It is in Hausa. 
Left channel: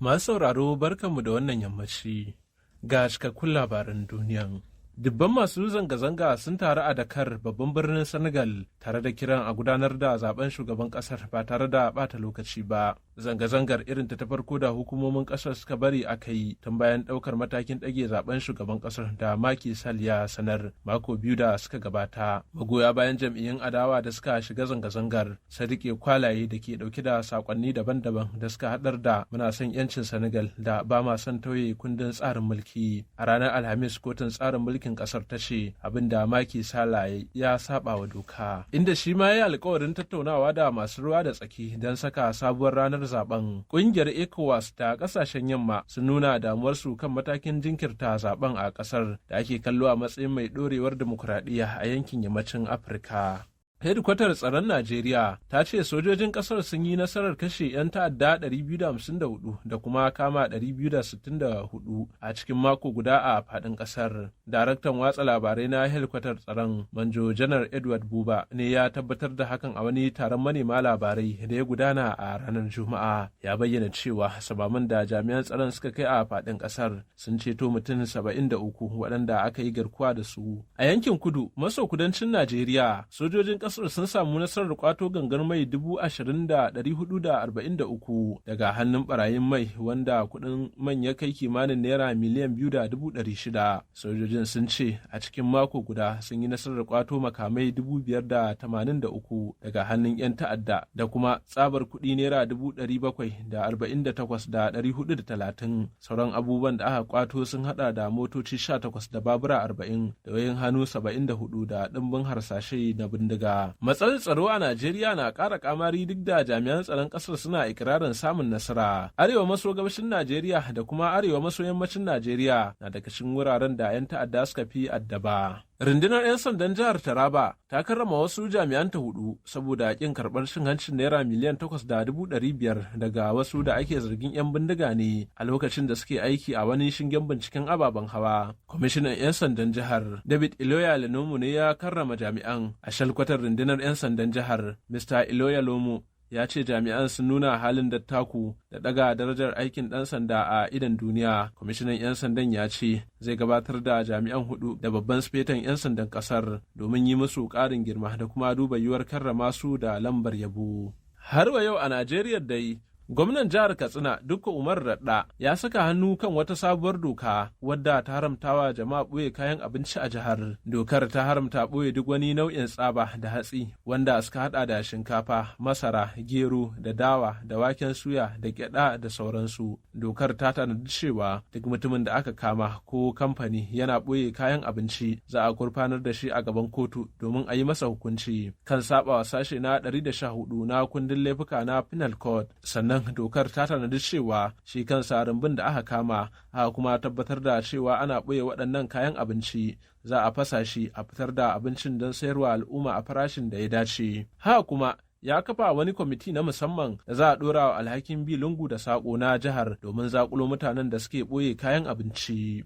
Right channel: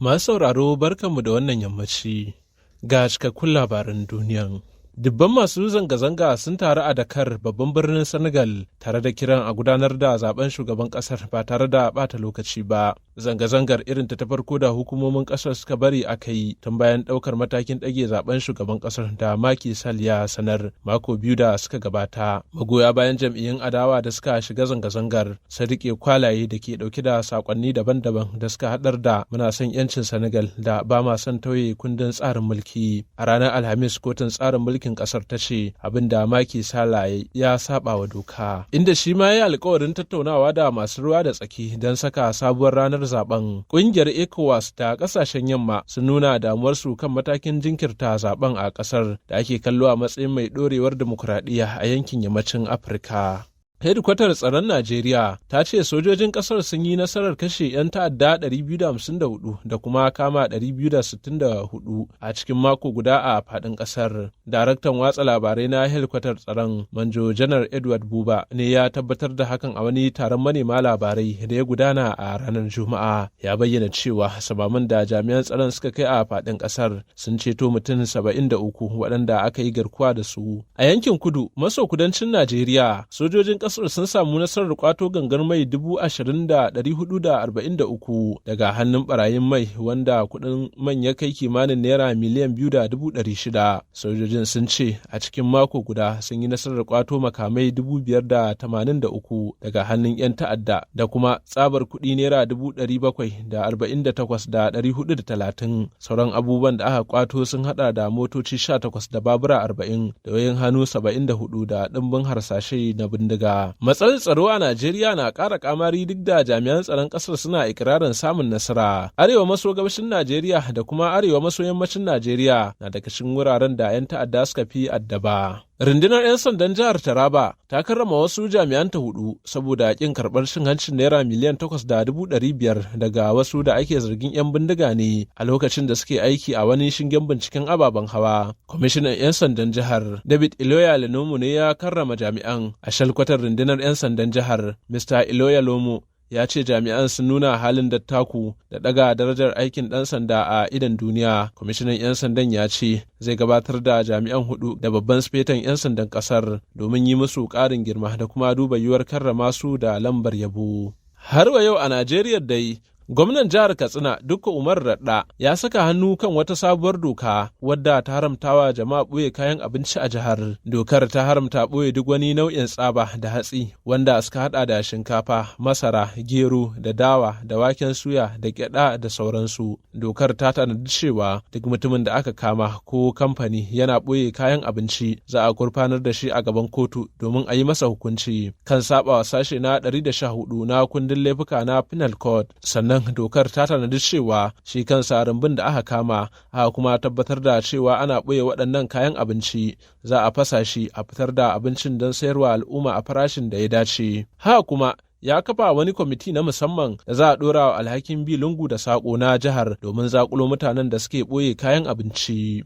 Masu sauraro barkanmu da wannan yammaci ga cikakkun labaran duniyan. Dubban masu zanga-zanga sun taru a Dakar babban birnin Senegal tare da kiran a gudanar da zaben shugaban kasar ba tare da bata lokaci ba. Zanga-zangar irin ta farko da hukumomin kasar suka bari aka yi tun bayan daukar matakin ɗage zaben shugaban kasar da Macky Sall ya sanar mako biyu da suka gabata. Magoya bayan jam'iyyun adawa da suka shiga zanga-zangar sun rike kwalaye da ke dauke da sakonni daban-daban da suka hadar da muna son yancin Senegal da ba ma son tauye kundin tsarin mulki. A ranar Alhamis kotun tsarin mulkin kasar ta ce abin da Macky Sall ya saba wa doka, inda shi ma ya alkawarin tattaunawa da masu ruwa da tsaki don saka sabuwar ranar zaben. Kungiyar ECOWAS da kasashen yamma sun nuna damuwarsu kan matakin jinkirta zaben a kasar da ake kallo a matsayin mai dorewar dimokuraɗiyya a yankin yammacin Afirka. Hedikwatar tsaron Najeriya ta ce sojojin kasar sun yi nasarar kashe 'yan ta'adda 254 da kuma kama 264 a cikin mako guda a faɗin ƙasar. Daraktan watsa labarai na hedikwatar tsaron Manjo Janar Edward Buba ne ya tabbatar da hakan a wani taron manema labarai da ya gudana a ranar Juma'a. Ya bayyana cewa samaman da jami'an tsaron suka kai a faɗin ƙasar sun ceto mutum 73 waɗanda aka yi garkuwa da su. A yankin kudu maso kudancin Najeriya, sojojin kasar sun samu nasarar kwato gangar mai 20,443 daga hannun barayin mai wanda kudin man ya kai kimanin naira miliyan 2,600. Sojojin sun ce a cikin mako guda sun yi nasarar kwato makamai 583 daga hannun 'yan ta'adda da kuma tsabar kudi naira 748,430. Sauran abubuwan da aka kwato sun hada da motoci 18 da babura 40 da wayoyin hannu 74 da dimbin harsashe na bindiga. Matsalar tsaro a Najeriya na ƙara kamari duk da jami'an tsaron ƙasar suna ikirarin samun nasara. Arewa maso gabashin Najeriya da kuma arewa maso yammacin Najeriya na daga cikin wuraren da 'yan ta'adda suka fi addaba. Rundunar 'yan sandan jihar Taraba ta karrama wasu jami'anta 4 saboda ƙin karɓar cin hancin naira miliyan 8,500 daga wasu da ake zargin 'yan bindiga ne a lokacin da suke aiki a wani shingen binciken ababen hawa. Kwamishinan 'yan sandan jihar David Iloya Lenomo ne ya karrama jami'an a shalkwatar rundunar 'yan sandan jihar. Mr. Iloya Lomo ya ce jami'an sun nuna halin dattaku da daga darajar aikin ɗan sanda a idan duniya. Kwamishinan 'yan sandan ya ce zai gabatar da jami'an 4 da babban sifetan 'yan sandan ƙasar domin yi musu ƙarin girma da kuma duba yiwuwar karrama su da lambar yabo. Har wa yau a Najeriya dai, gwamnan jihar Katsina Dukko Umar Radda ya saka hannu kan wata sabuwar doka wadda ta haramtawa jama'a ɓoye kayan abinci a jihar. Dokar ta haramta ɓoye duk wani nau'in tsaba da hatsi wanda suka hada da shinkafa, masara, gero da dawa da waken suya da gyada da sauransu. Dokar ta tanadi cewa duk mutumin da aka kama ko kamfani yana ɓoye kayan abinci za a gurfanar da shi a gaban kotu domin a yi masa hukunci kan sabawa sashe na 114 na kundin laifuka na Penal Code. Sannan dokar ta tanadi cewa shi kansa rumbun da aka kama aka kuma tabbatar da cewa ana ɓoye waɗannan kayan abinci za a fasa shi a fitar da abincin don sayarwa al'umma a farashin da ya dace. Haka kuma ya kafa wani kwamiti na musamman da za a ɗora wa alhakin bi lungu da saƙo na jihar domin zaƙulo mutanen da suke ɓoye kayan abinci.